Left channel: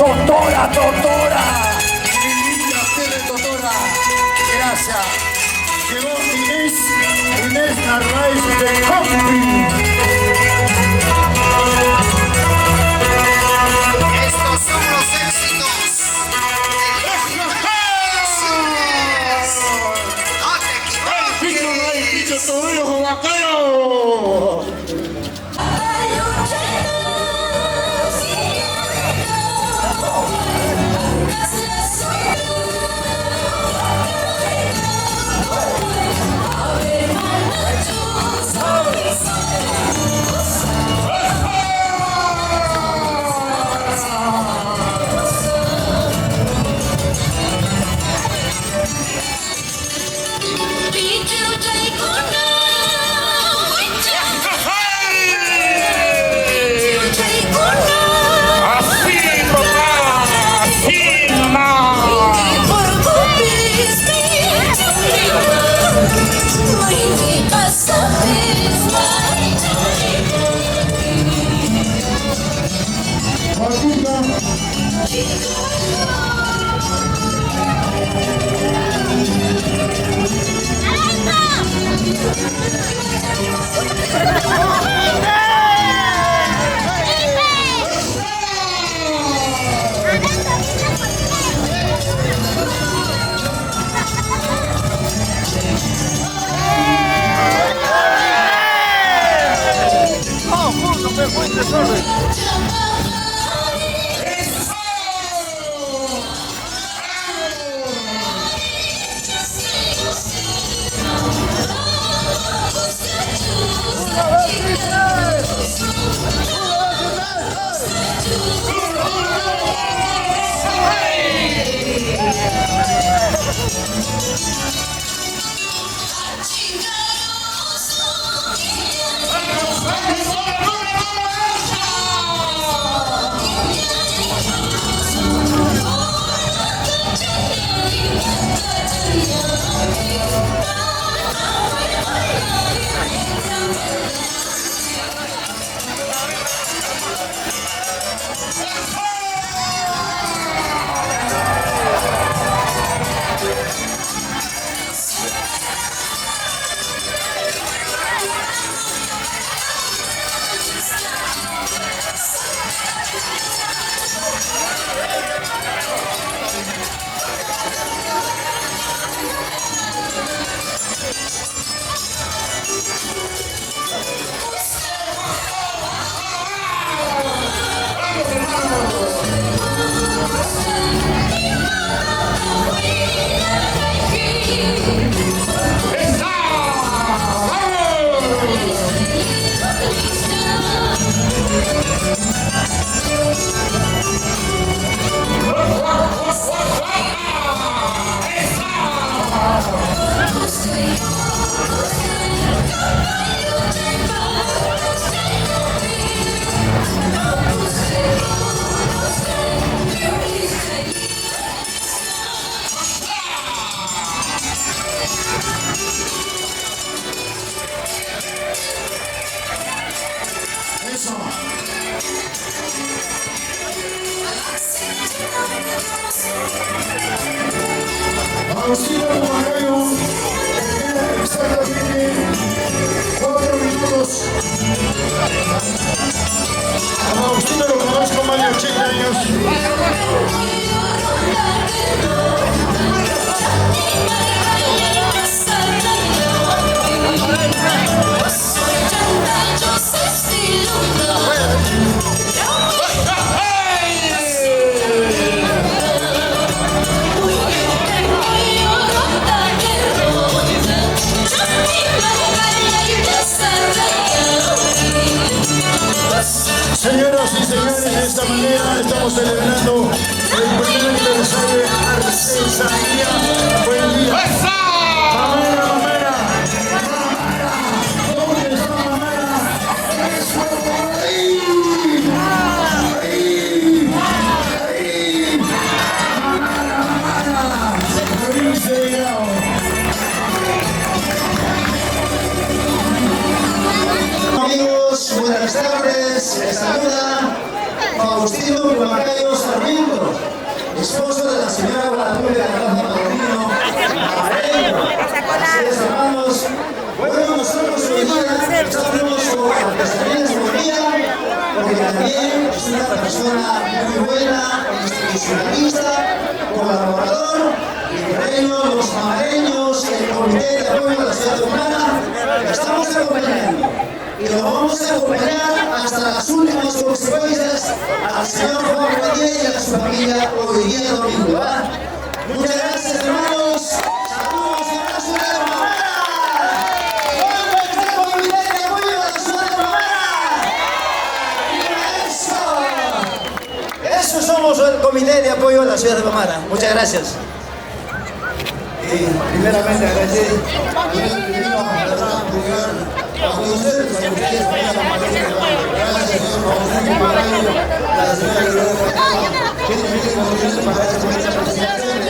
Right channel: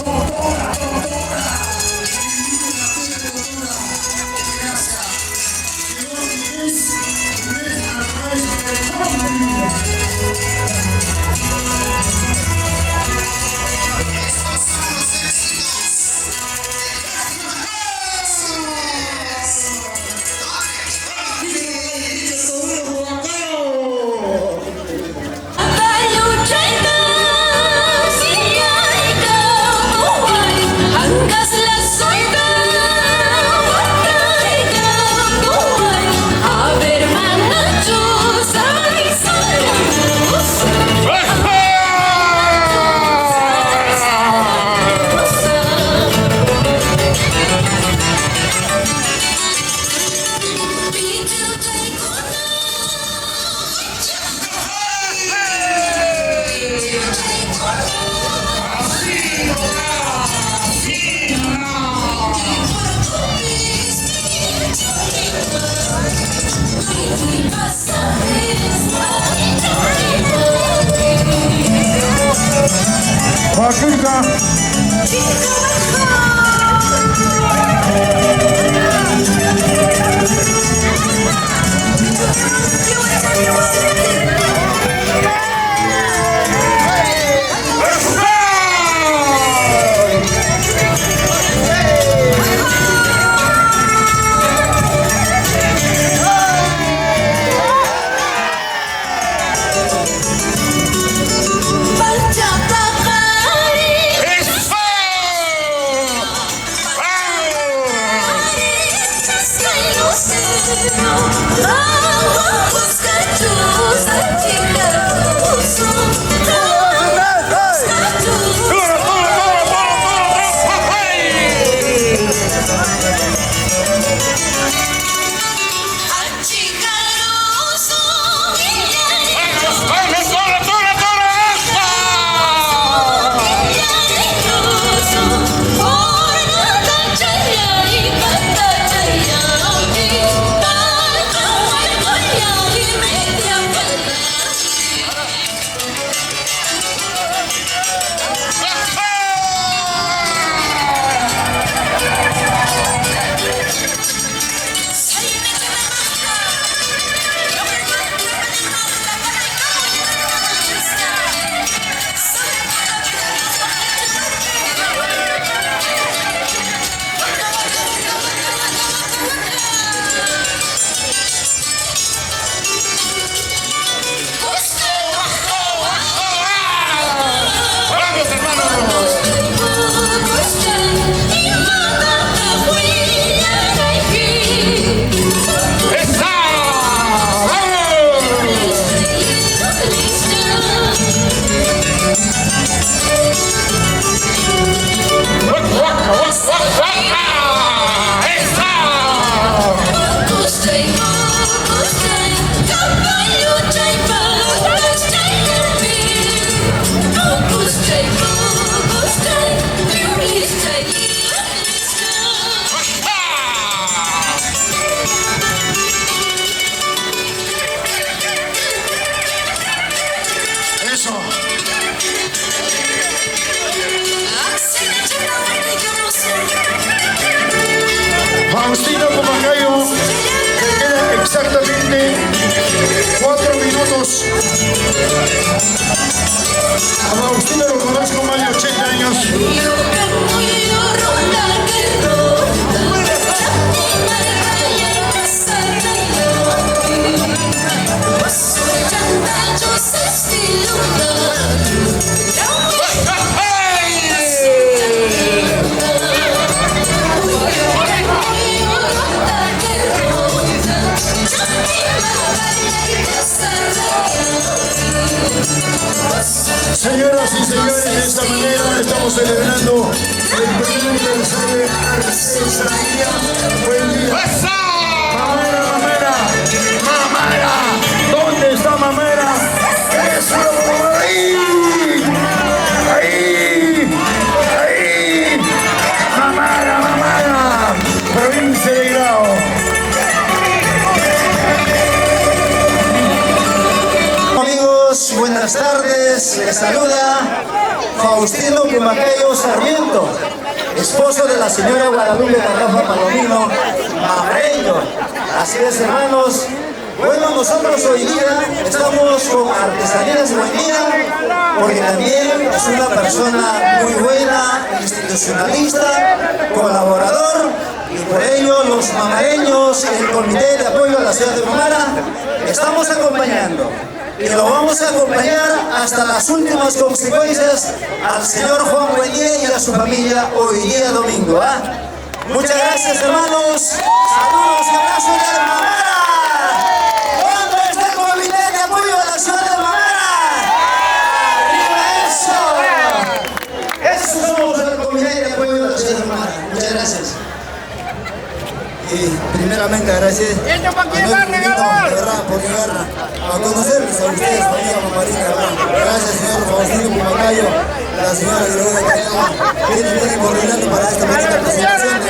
Totora, Totora. Mi linda tele Totora. Gracias. Llegó Inés Narváez de Country. Estos son los éxitos. Faustino Pumacayo, le quedan exactamente 4 minutos. A Faustino lo conozco más de 80 años. Señoras y señores, de esta manera estamos celebrando el primer aniversario de Artesanía. Buen día. Mamera, mamera, mamera. ¿Dónde está mamera? ¡Eso! ¡Ahí! ¡Ahí! ¡Ahí! ¡Mamera, mamera! Provincia de Grau. Amigos, buenas tardes, les saluda Faustino Pumacayo Sarmiento. Pública de Rafa Palomino, Mamareño. Así es, hermanos. Bueno, nosotros hoy día estamos con Artesanías María, porque también es una persona muy buena, institucionalista, colaborador, y por ello los mamareños y el Comité de Apoyo a la Ciudad de Humana estamos acompañando. Y lo vamos a acompañar hasta las últimas consecuencias al señor Juan Buendía y a su familia hoy día domingo. Muchas gracias, hermanos. Saludos y abrazos de la Mamara. ¿Dónde está el Comité de Apoyo a la Ciudad de Mamara? ¡Arriba eso! Eso somos el Comité de Apoyo a la Ciudad de Mamara. Muchas gracias. Y primeramente agradecer por llegar a conocerles a ustedes, familia Mamarina. Gracias, señor Juan Macayo, la señora Gloria Cajama, que viene coordinando para esta presentación.